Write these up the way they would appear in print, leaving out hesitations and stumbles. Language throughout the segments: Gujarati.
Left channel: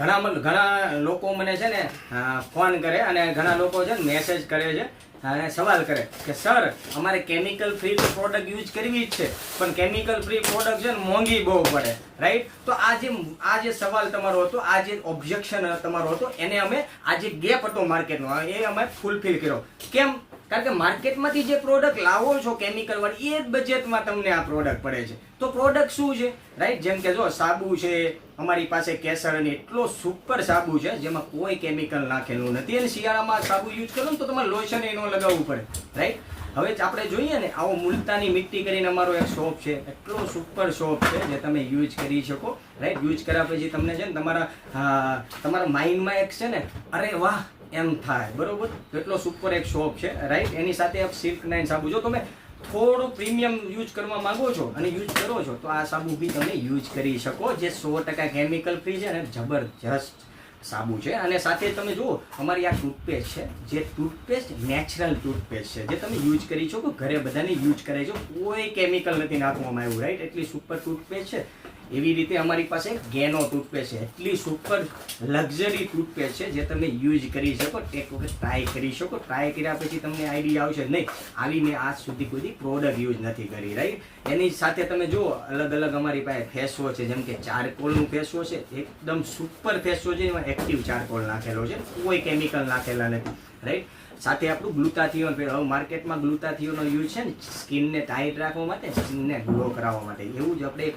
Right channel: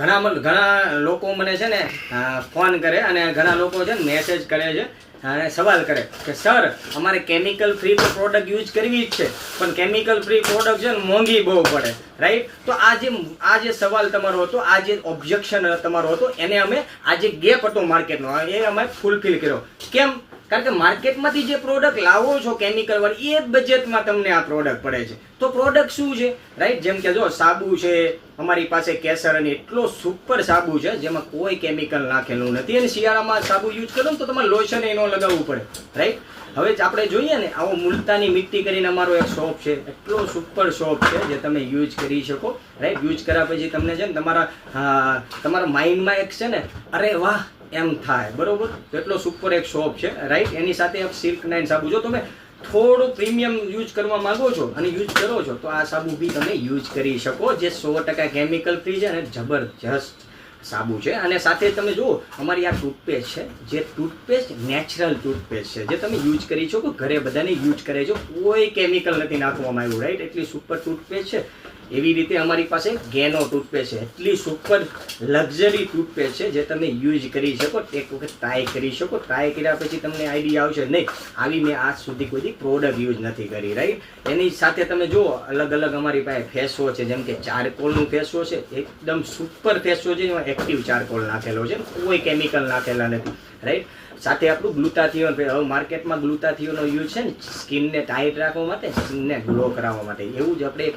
ઘણા લોકો મને છે ને ફોન કરે અને ઘણા લોકો છે ને મેસેજ કરે છે અને સવાલ કરે કે સર અમારે કેમિકલ ફ્રી તો પ્રોડક્ટ યુઝ કરવી જ છે, પણ કેમિકલ ફ્રી પ્રોડક્ટ છે ને મોંઘી બહુ પડે, રાઈટ? તો આ જે સવાલ તમારો હતો, આ જે ઓબ્જેક્શન તમારો હતો, એને અમે આ જે ગેપ હતો માર્કેટનો એ અમે ફૂલફિલ કર્યો. કેમ? કારણ કે માર્કેટમાંથી જે પ્રોડક્ટ લાવો છો કેમિકલ વાળી, એ જ બજેટમાં તમને આ પ્રોડક્ટ પડે છે. તો પ્રોડક્ટ શું છે, રાઈટ? જેમ કે જો સાબુ છે અમારી પાસે, કેસર અને એટલો સુપર સાબુ છે જેમાં કોઈ કેમિકલ નાખેલું નથી, અને શિયાળામાં સાબુ યુઝ કરો ને તો તમારે લોશન એ ન લગાવવું પડે, રાઈટ? હવે આપણે જોઈએ ને, આવો મુલતાની મિટ્ટી કરીને અમારો એક શોપ છે, એટલો સુપર શોપ છે જે તમે યુઝ કરી શકો, રાઈટ? યુઝ કર્યા પછી તમને છે ને તમારા માઇન્ડમાં એક છે ને, અરે વાહ એમ થાય, બરોબર? તો એટલો સુપર એક શોપ છે, રાઈટ? એની સાથે સિલ્ક નાઇન સાબુ, જો તમે થોડો પ્રીમિયમ યુઝ કરવા માંગો છો અને યુઝ કરો છો તો આ સાબુ બી તમે યુઝ કરી શકો, જે 100% કેમિકલ ફ્રી છે અને જબરજસ્ત સાબુ છે. અને સાથે તમે જુઓ અમારી આ ટૂથપેસ્ટ છે, જે ટૂથપેસ્ટ નેચરલ ટૂથપેસ્ટ છે, જે તમે યુઝ કરી શકો, ઘરે બધાને યુઝ કરે છે, કોઈ કેમિકલ નથી નાખવામાં આવ્યું, રાઈટ? એટલી સુપર ટૂથપેસ્ટ છે. એવી રીતે અમારી પાસે ગેનો ટૂથપેસ્ટ છે, એટલી સુપર લક્ઝરી ટૂથપેસ્ટ છે જે તમે યુઝ કરી શકો, એક વખત ટ્રાય કરી શકો. ટ્રાય કર્યા પછી તમને આઈડિયા આવશે, નહીં આવી મેં આજ સુધી કોઈ પ્રોડક્ટ યુઝ નથી કરી, રાઈટ? એની સાથે તમે જુઓ અલગ અલગ અમારી પાસે ફેસ વોશ છે, જેમ કે ચારકોલનું ફેસ વોશ છે, એકદમ સુપર ફેસ વોશ છે, એમાં એક્ટિવ ચારકોલ નાખેલો છે, કોઈ કેમિકલ નાખેલા નથી, રાઈટ? સાથે આપણું ગ્લુટાથિયોન, હવે માર્કેટમાં ગ્લુટાથિયોનનો યુઝ છે ને સ્કિનને ટાઈટ રાખવા માટે, સ્કિનને ગ્લો કરાવવા માટે, એવું જ આપણે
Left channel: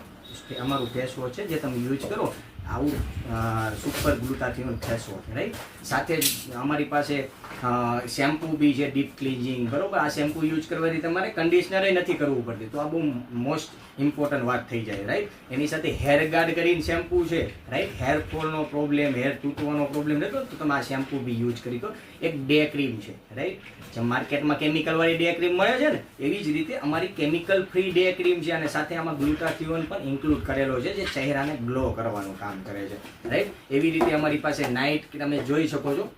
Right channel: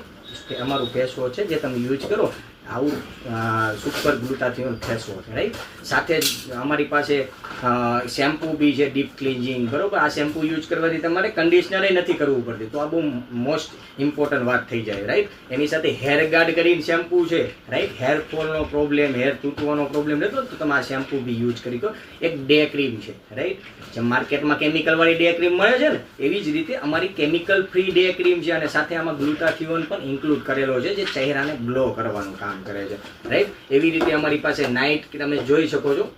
અમારું ફેસ વોશ છે જે તમે યુઝ કરો, આવું સુપર ગ્લુટાથિયોન ફેસ વોશ, રાઈટ? સાથે જ અમારી પાસે શેમ્પુ બી છે, ડીપ ક્લિન્જિંગ, બરોબર? આ શેમ્પુ યુઝ કરવાથી તમારે કન્ડિશનર નથી કરવું પડતું, તો આ બહુ મોસ્ટ ઇમ્પોર્ટન્ટ વાત થઈ જાય, રાઈટ? એની સાથે હેર ગાર્ડ કરીને શેમ્પુ છે, રાઈટ? હેર ફોલનો પ્રોબ્લેમ, હેર તૂટવાનો પ્રોબ્લેમ રહેતો તો તમે આ શેમ્પુ બી યુઝ કરી શકો. એક ડે ક્રીમ છે, રાઈટ? જેમ માર્કેટમાં કેમિકલ વાળી ડે ક્રીમ મળે છે ને, એવી જ રીતે અમારી કેમિકલ ફ્રી ડે ક્રીમ છે, અને સાથે આમાં ગ્લુટાથિયોન પણ ઇન્ક્લુડ કરેલો છે, જે ચહેરાને ગ્લો કરવાનું કામ કરે છે, રાઈટ? એવી રીતે અમારી પાસે નાઇટ, તમે જોઈ શકો છો,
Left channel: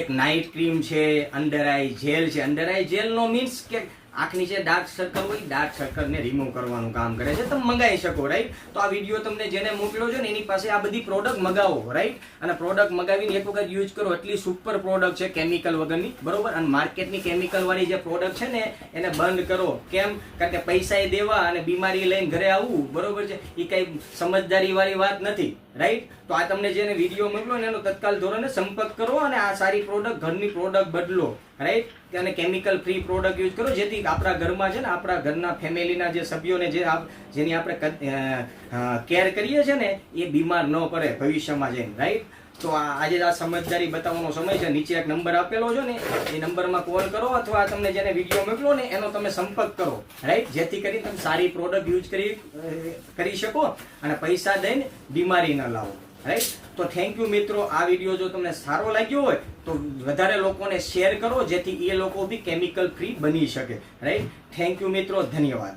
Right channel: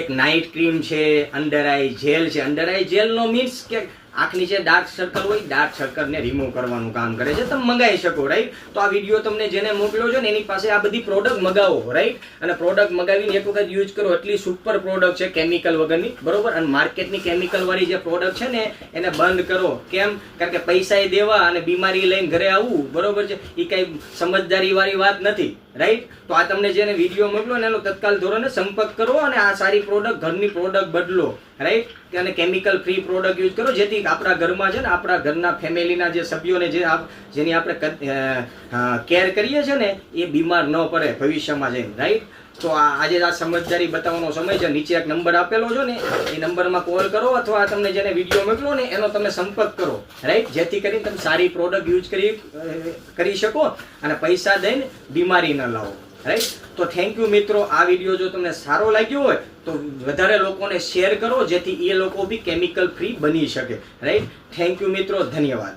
એક નાઇટ ક્રીમ છે, અંડર આઈ જેલ છે. અંડર આઈ જેલ નો મીન્સ કે આંખની જે ડાર્ક સર્કલ હોય, ડાર્ક સર્કલને રિમૂવ કરવાનું કામ કરે છે, તમે મંગાવી શકો, રાઈટ? તો આ વિડીયો તમને જેને મોકલ્યો છે ને એની પાસે આ બધી પ્રોડક્ટ મગાવો, રાઈટ? અને પ્રોડક્ટ મગાવીને એક વખત યુઝ કરો, એટલી સુપર પ્રોડક્ટ છે કેમિકલ વગરની, બરોબર? અને માર્કેટની કેમિકલ વાળી જે પ્રોડક્ટ છે ને એને બંધ કરો. કેમ? કારણ કે પૈસા દેવા અને બીમારી લઈને ઘરે આવવું, બરોબર છે, એ કઈ સમજદારી વાળી વાત નથી, રાઈટ? તો આ તમને જેને વિડીયો મોકલો ને એનો તત્કાલ ધોરણે સંપર્ક કરો અને આ સારી પ્રોડક્ટ, ઘરની પ્રોડક્ટ બદલો, રાઈટ? અને કેમિકલ ફ્રી પ્રોડક્ટ યુઝ કરો, જેથી આપણા ઘરમાં છે ને, આપણા ઘરના ફેમિલીના જે સભ્યોને જેની આપણે કેર કરીએ છીએ ને, એ બીમાર ન પડે ભવિષ્યમાં જઈને, રાઈટ? તો આજે આ સમજદારી બતાવવાનો સમય છે. નીચે એક નંબર આપેલો છે ને, એ નંબરમાં કોલ કરો અથવા તમને જેને વિડીયો મોકલો ને એનો તમે સંપર્ક કરો, રાઈટ? જેથી કરીને તમે સારી પ્રોડક્ટ યુઝ કરી શકો અને પૈસા દઈને બીમારી ન લાવો, રાઈટ? તો થેન્ક યુ મિત્રો. આ વિડીયો જો તમને સારો લાગ્યો હોય તો વધારે લોકોને શેર કરો, જેથી એ લોકો બી કેમિકલ ફ્રી બની શકે, રાઈટ? થેન્ક યુ મિત્રો, ધન્યવાદ.